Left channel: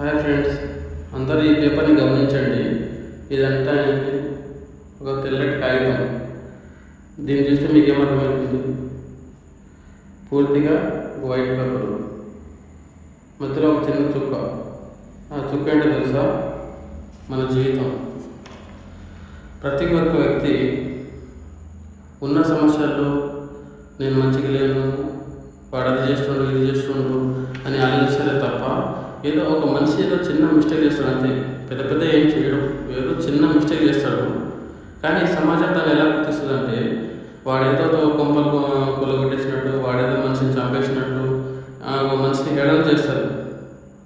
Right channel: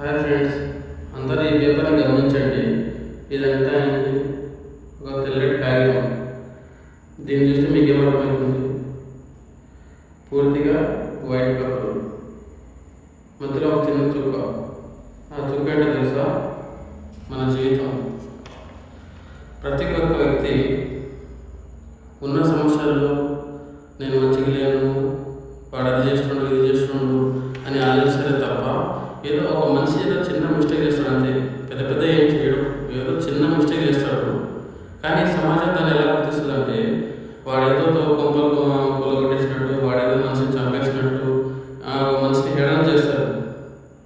Hi friends, అందరూ ఈ పేపర్ని గమనించండి. ఇదంతా ఏంటి? ఒక తెల్లటి కాగితం. దీన్ని చూస్తే మీకు ఏమర్థమవుతుంది? పూర్తిగా ఒక వైట్ పేపర్, మధ్యలో ఒక చిన్న చుక్క. ఆ చుక్క ఏంటో తెలుసా? మన జీవితం. ప్రతి ఒక్క వ్యక్తి ఉన్న సమస్యల్లో నేను మంచిగా లేను, వాడు అది చేస్తుండు ఇది చేస్తుండు అని ఆలోచిస్తారే తప్ప, ఏదో ఒక మనిషి ఏదో చిన్న మిస్టేక్ చేస్తాడు అంతే. పెద్ద పెద్ద ఏం చేయడు, ఏదో చిన్న మిస్టేక్ చేస్తాడు. కానీ సమాజం దాన్ని ఎలా గుర్తిస్తుంది అంటే, వాడేదో కొంపలు కొలగొట్టేసినట్టు, వాడేదో మనిషిని చంపేసినట్టు ఒక మనిషిని హేళన చేస్తారు.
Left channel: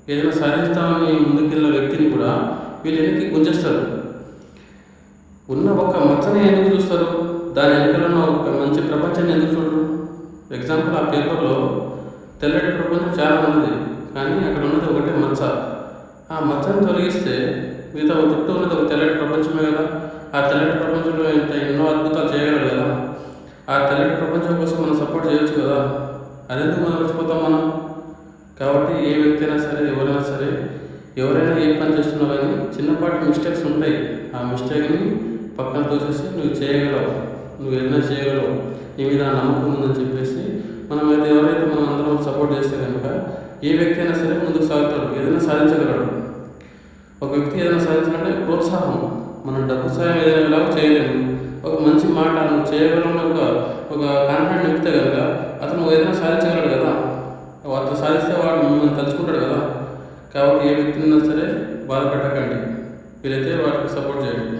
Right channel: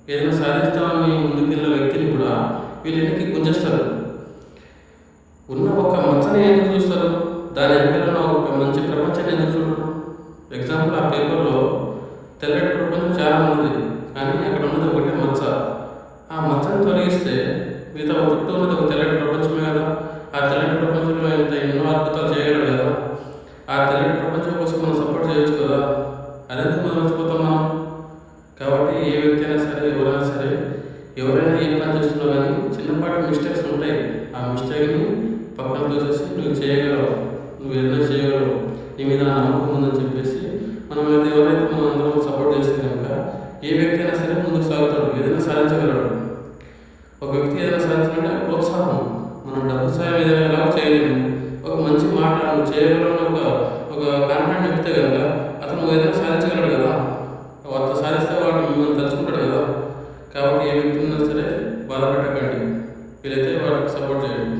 ఏదైనా సాధిస్తామని ముందుకెళ్ళిన వ్యక్తిని కూడా వీళ్ళు వెనక్కి గుంజేస్తారు. ఉన్న ఒక మచ్చని ఎందుకు చూస్తారు? దాని వెనకాల ఉన్న ఒక మంచి ప్రపంచాన్ని ఎందుకు చూడరు? ఎగ్జాంపుల్, ఆ పేపర్లో తెల్లటి ప్రపంచం చాలా ఉన్నది, కానీ అక్కడ ఉన్నది ఒకటే మచ్చ. ఆ మచ్చని తొలగిస్తే మిగతా ఒక చుట్టూ ఉన్నది ఒక తెల్లటి ప్రపంచమే కదా. ఆ తెల్లటి ప్రపంచంలో ఎన్నో అద్భుతాలు చేయగలరు కదా. ఆ తెల్లటి ప్రపంచం కోసం మనం సపోర్ట్ చేయొచ్చు కదా. అదెందుకు మనం మర్చిపోతాం మనం? కాబట్టి ఏ వ్యక్తి అయినా సరే, ఎవరైనా ఏ పని చేస్తున్నా కానీ చిన్నపాటి మిస్టేక్స్ ఉంటాయి. ఆ మిస్టేక్ని పక్కన తోసేసి నువ్వు చేయగలవు, నువ్వు ఏదైనా చేయగలవు, నీ మీద నమ్మకం ఉందని చెప్పేసి ఎవరైతే మనం అందరం సపోర్ట్ చేస్తే కనుక ఏ వ్యక్తి అయినా సరే ముందుకు సాగుతాడు, ఏదైనా సాధించగలడు. ఒక వ్యక్తి ఏదైనా సాధించాలంటే ప్రోత్సాహం. మనం డబ్బు సాయం ఏదైనా ఎలాగో చేయలేము. ఒక మంచి మాట నువ్వు చేయగలవు ఒక కాన్ఫిడెంట్ నింపితే కనుక అతను ఏదైనా సాధించగలడు కదా. అట్లా సాధిస్తే వాడు మిమ్మల్ని తలుచుకుంటాడు కదా. కాబట్టి ఏ వ్యక్తి ఉన్నా సరే బాధపెట్టకండి, వీలైతే వాటికి సపోర్ట్ చేయండి.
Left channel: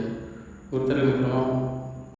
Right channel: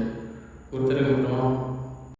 గుర్తెరగ మిత్రమా.